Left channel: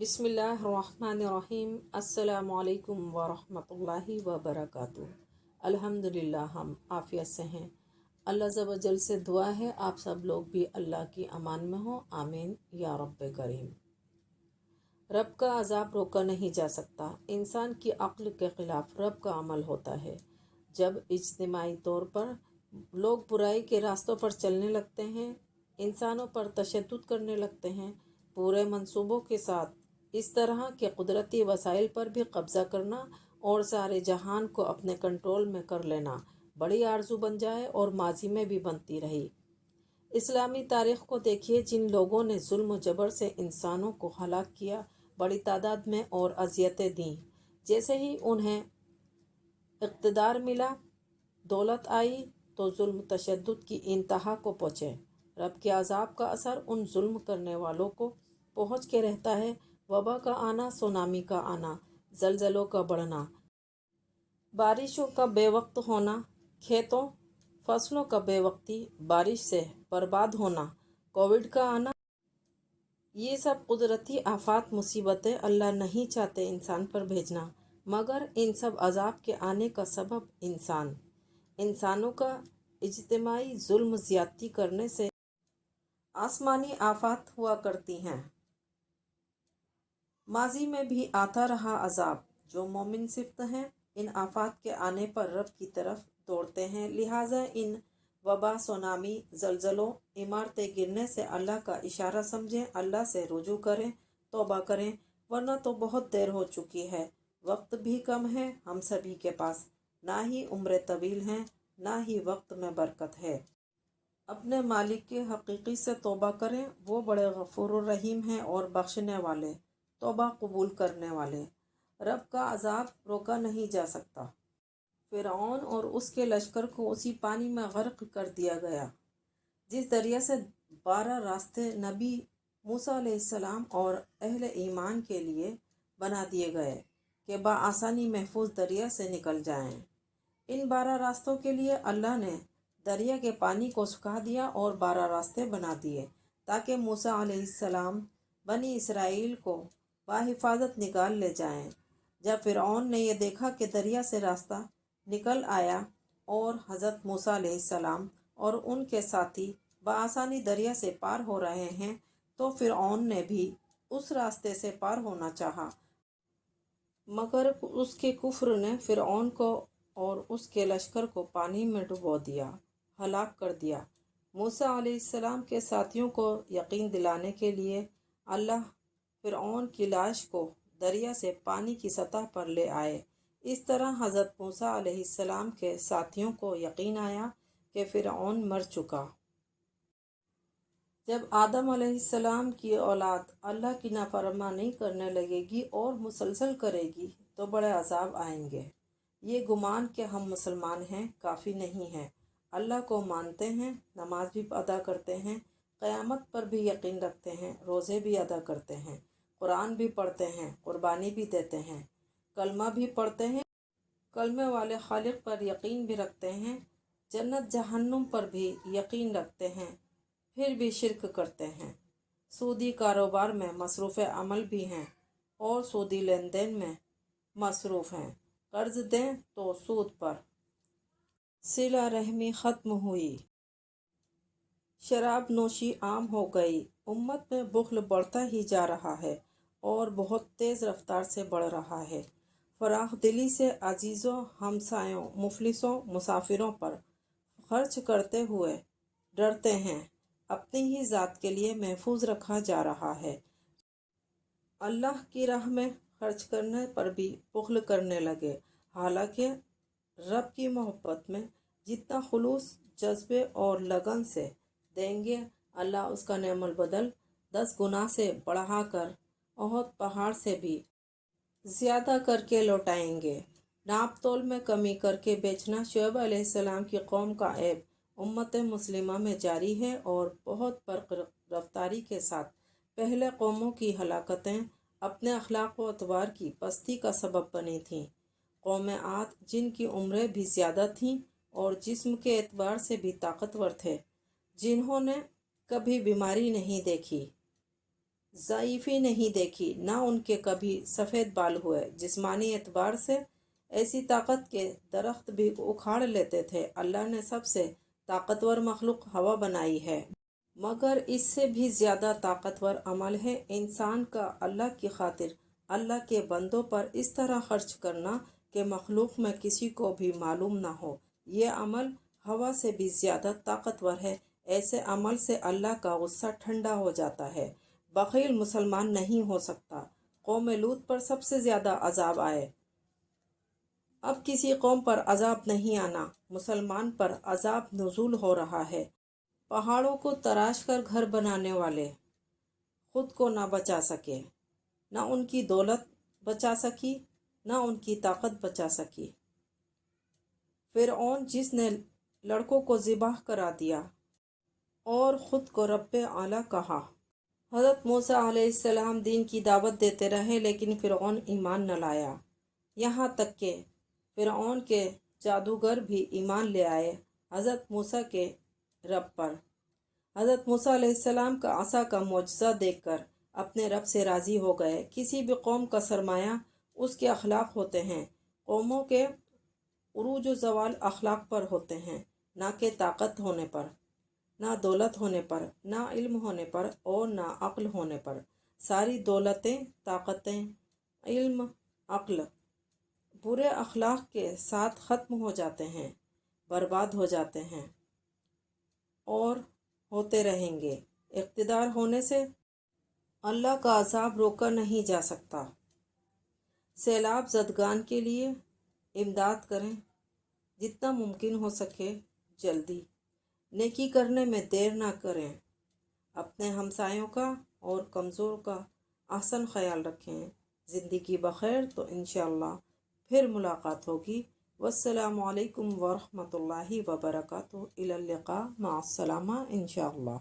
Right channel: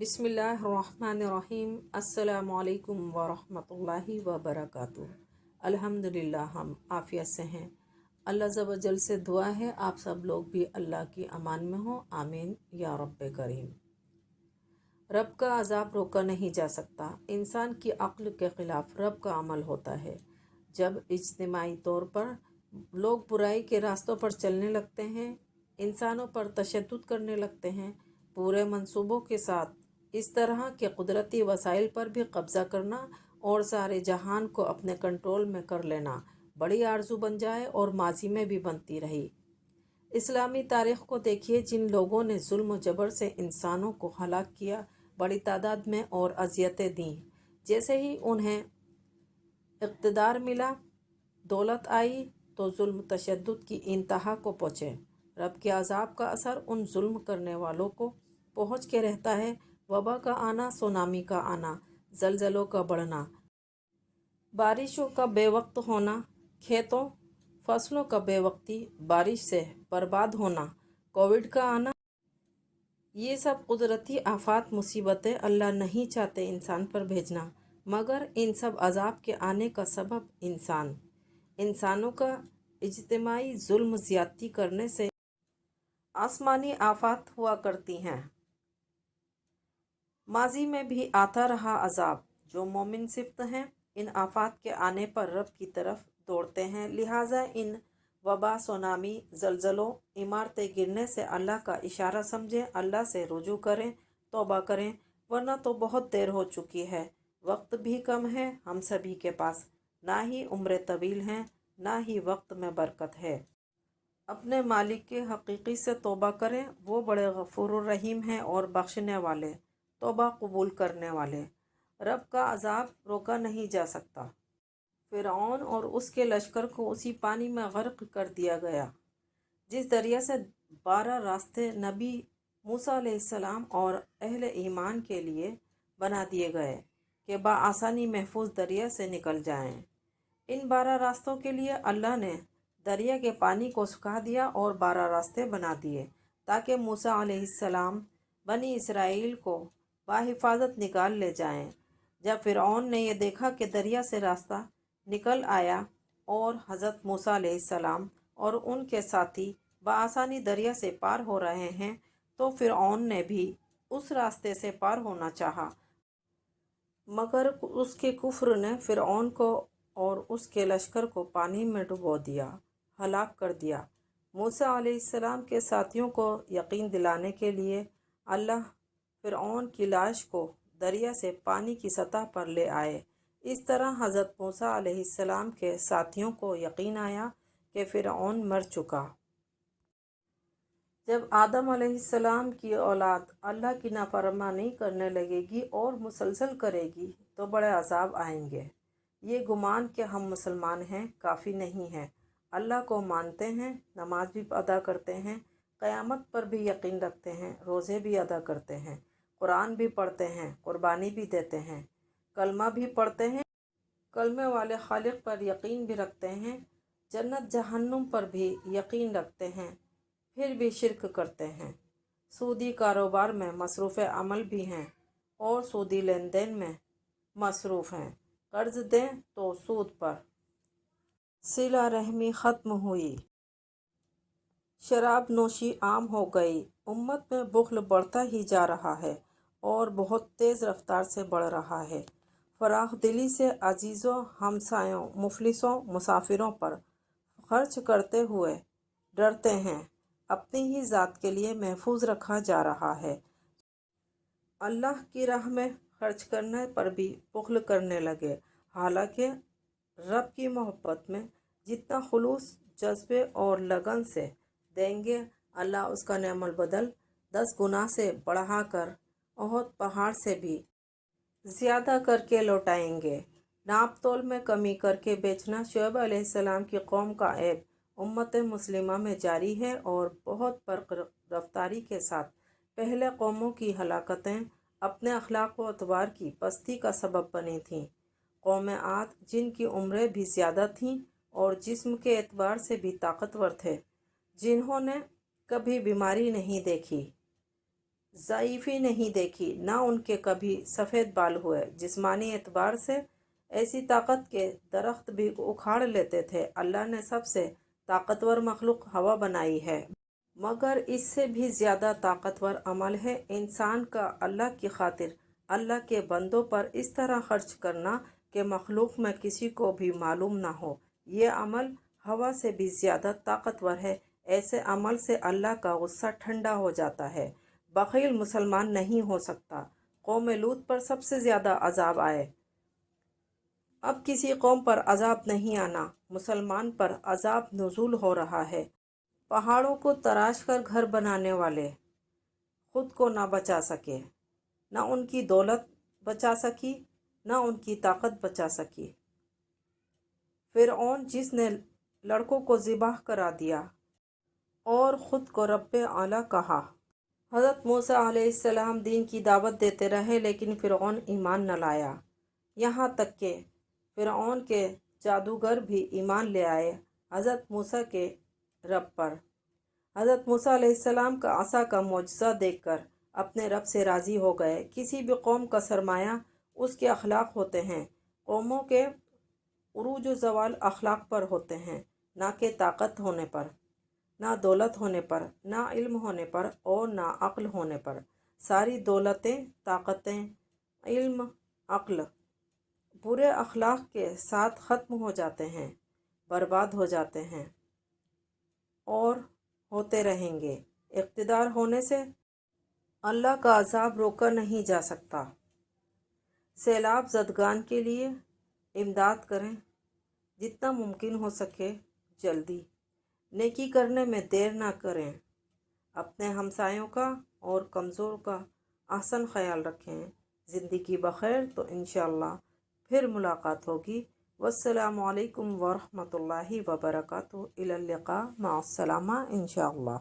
बिस्मिल्लाहिर्रहमानिर्रहीम। अस्सलामु अलैकुम वरहमतुल्लाहि वबरकातुहू। अल्हम्दुलिल्लाह, हम आफियत से हैं। अल्लाह ज़ वजल से दुआ है आप सब लोग भी अल्लाह की अमान में हो, आमीन या रब्बे करीम। रब का अज़ाब रोका नहीं जा सकता। इंसान की अक्ल के ख़िलाफ़ रब का अमल होता है। जब इज्तिमाई तौर पर लोग बुराई के रास्तों पर चलने लगते हैं, इंसानों पर तशद्दुद करने लगते हैं, पूरे मंसूबों के साथ इस तरह के कुदरती वसाइल पर भी कब्ज़ा करना और सारे जहान को अपने कंट्रोल में कर लेना बड़ी आरज़ू बन जाए और माजी में भी बनती रही। इस्लामी तारीख़ को देखिए, जिन लोगों ने जुल्म जबर से इंसानों को हलाक किया, बड़ी तादाद में और अज़ियतें दी। जैसे ही उन्हें इक़्तिदार मिला, दौलत आई, तो जुल्म तशद्दुद की इंतहा को पहुँचे। रब के अज़ाब का असर उन जुल्म करने वालों को पहुँच के रहता है। वबा का आना, सुनामी का आना, जलजलों का बढ़ना, बारिशों का बेवक्त होना, खेतों फसलों का बेवक्ती बारिश से बर्बाद होना, कोविड का आना, ये सब कुदरती आफात मुसीबतें अल्लाह नहीं चाहते इंसान पर भेजना, मगर इन सब अजाब के आने का सबब इंसानों का इज्तिमाई जुल्म ज़्यादती करने से आसमानी आफात हुआ करती हैं। माजी में भी आता रहा अजाब। जो मोमिन सिफ्त हैं, इन आफात के आने पर रब की तरफ दौड़ते हैं। लिहाजा इन वबा, सुनामी, जलजलों, इमारतें गिरने से अल्लाह का इशारा समझें, अल्लाह से रुजू करें, तौबा करें, वरना तो बहुत देर हो चुकी है। वक्त भी कम है हम सभी के पास, ना ही उम्र तवील है, ना ही वक्त में बरकत है। अपने मालिक के हकीकी से तौबा करें, वो बड़े गफूर रहीम हैं और बख्शने वाले, तौबा कबूल करने वाले। रब का अजाब रोका नहीं जा सकता। फ़िरऔन और उसके लश्कर को उसी पानी में गर्क कर दिया गया जिस दरिया से 12 रास्ते नबी मूसा अलैहिस्सलाम और अहले ईमान के लिए बना दिए गए कि बआसानी महफूज दरिया से निकल जाएं। इन 12 रास्तों के लिए अल्लाह ने दरिया के पानी को सुखा दिया और 12 रास्ते बना दिए ताकि मूसा अलैहिस्सलाम बनी इसराइल को बाहिफाजत निकाल ले जाएं। जब फ़िरऔन ने यह देखा कि दरिया से रास्ता निकल आया और हज़रत मूसा अलैहिस्सलाम और उनके साथी बआसानी दरिया से पार हो रहे हैं, तो फ़िरऔन ने भी उस रास्ते से पार होना चाहा, मगर उसके कुफ्र ने फ़िरऔन को और उसके लश्कर को पानी में डुबो दिया, हलाक कर दिया। मूसा अलैहिस्सलाम के साथियों को यकीन दिलाने के लिए अल्लाह फ़िरऔन की लाश को दरिया से पानी की सतह पर ले आए। इस तरह हज़रत मूसा अलैहिस्सलाम के साथियों को यकीन आया कि फ़िरऔन मर चुका। जब आदम अलैहिस्सलाम की औलाद अल्लाह की नाफरमानी करने लगेगी और मुसलसल करेगी, तो बड़े अजाब आएंगे। ये गुमान कि हम मुसलमान हैं काफ़ी नहीं है। अल्लाह को मानते हैं, नमाज भी अदा करते हैं, क़यामत पर भी यकीन रखते हैं, रोज़े भी अदा करते हैं, कुरान भी पढ़ते हैं, कुर्बानी भी देते हैं, कलमा भी पढ़ते हैं, कलमे वाले खालिक पर यकीन भी रखते हैं, जन्नत जहन्नुम पर भी यकीन रखते हैं, फिर भी शिरक करते हैं। सूदी कारोबार में मसरूफ़ अमल भी हैं और सूदी लेन देन में मसरूफ़ हैं। कर्ज दें तो सूद पर। सिला रहमी ख़त्म हुई, शराब नोशी आम हो गई। उम्मत में बुख्ल बढ़ता ही जा रहा है और बहुत तेज़ रफ्तार से बढ़ रहा है। फराख दिली से अजीज़ों, हमसायों, मुफलिसों, मुसाफिरों पर खर्च करते हुए डरते हैं। अपनी ही ज़ात के लिए महफूज रखा जा रहा है। अल्लाह की राह में खर्च करने पर भी बुख्ल करने लगे। हालांकि रब की मोहब्बत में जितना खुलूस, जज्बे और लगन से देंगे, अल्लाह उसका नेमल बदल 10 गुना से बढ़ाकर ओहद पहाड़ से भी ज़्यादा करके लौटाएंगे। नाप तोल में कमी करके बेचना शुएब अलैहिस्सलाम की कौम का ऐब उम्मत मुस्लिमा में जारी है और बहुत बर्क रफ्तारी के साथ पहले कौमों की हलाकतें अपने अखलाक व अतबार की पस्ती का सबब बनी थीं। कौम आद, जिनकी उम्रें भी ज़्यादा थीं और जिस्म के एतबार से भी ताकतवर थे, जिन्होंने कभी बीमारी नहीं देखी, ضعیفی نہیں دیکھی، نہ ان کے کبھی سفید بال ہوئے۔ جسمانی اعتبار سے ایسی طاقت کے درخت بھی اکھاڑ لیتے تھے۔ اللہ نے سب سے طاقتور مخلوق ہوا بنائی ہے، مگر اس سے بھی زیادہ طاقتور عمل ہے انسان کا اللہ کی خاطر اللہ کے بندوں پر اس طرح خرچ کرنا کہ مخلوق میں کسی کو بھی معلوم نہ ہو۔ یہ عمل ہوا سے بھی زیادہ طاقتور ہے۔ ایسے عمل سے اللہ کا غصہ ٹھنڈا ہو جاتا ہے۔ بخیل مسلمان نہیں ہو سکتا۔ قوم لوط پر سب سے زیادہ عذاب آئے۔ اب کسی قوم پر عذاب نہیں آنا۔ مسلمان پر عذاب نزول ہو رہا ہے۔ پہاڑوں کو تراش کر گھر بنانے والے خود کو نہ بچا سکے، نہ ان کی دولت بچا سکی، نہ ان کی طاقت بچا سکی۔ فرعون جس نے لڑکوں کو ذبح کرا دیا اور خود کو رب اعلیٰ کہا۔ حضرت موسیٰ علیہ السلام دین کی دعوت دیتے رہے لیکن فرعون ایمان نہ لایا، یہاں تک کہ فرعون کے جادوگر بھی ایمان لے آئے حضرت موسیٰ کے رب پر۔ حضرت موسیٰ علیہ السلام کا عصا کا معجزہ دیکھ کر اپنے رب سے راضی ہو گئے۔ کسی بھی قوم کا سرمایہ اس کے اخلاق ہوتے ہیں۔ قوموں کے عروج و زوال اخلاق پر ہوتے ہیں، نہ کہ طاقت ہونے پر، نہ دولت ہونے پر، نہ علم ہونے پر اور نہ عقل ہونے پر۔ ساری دولتیں، طاقتیں، علم، عقل برے اخلاق کے ساتھ ختم ہو جاتے ہیں، برباد ہو جاتے ہیں اور ہوتے رہیں گے۔ اقتدار ہونے سے اللہ کا عذاب روکا نہیں جا سکتا۔ سیلاب زدگان کے لیے امداد کریں، جتنا ممکن ہو سکے جلدی۔ نیکی کرنے میں دیر نہ کریں۔ اپنے ہمسایوں کا اور کمزور کا احسن خیال رکھیں۔ زندگی بخیر تو انشاءاللہ پھر ملاقات ہوگی۔ والسلام علیکم ورحمۃ اللہ وبرکاتہ۔ الی اللقاء، مع السلامہ انشاءاللہ۔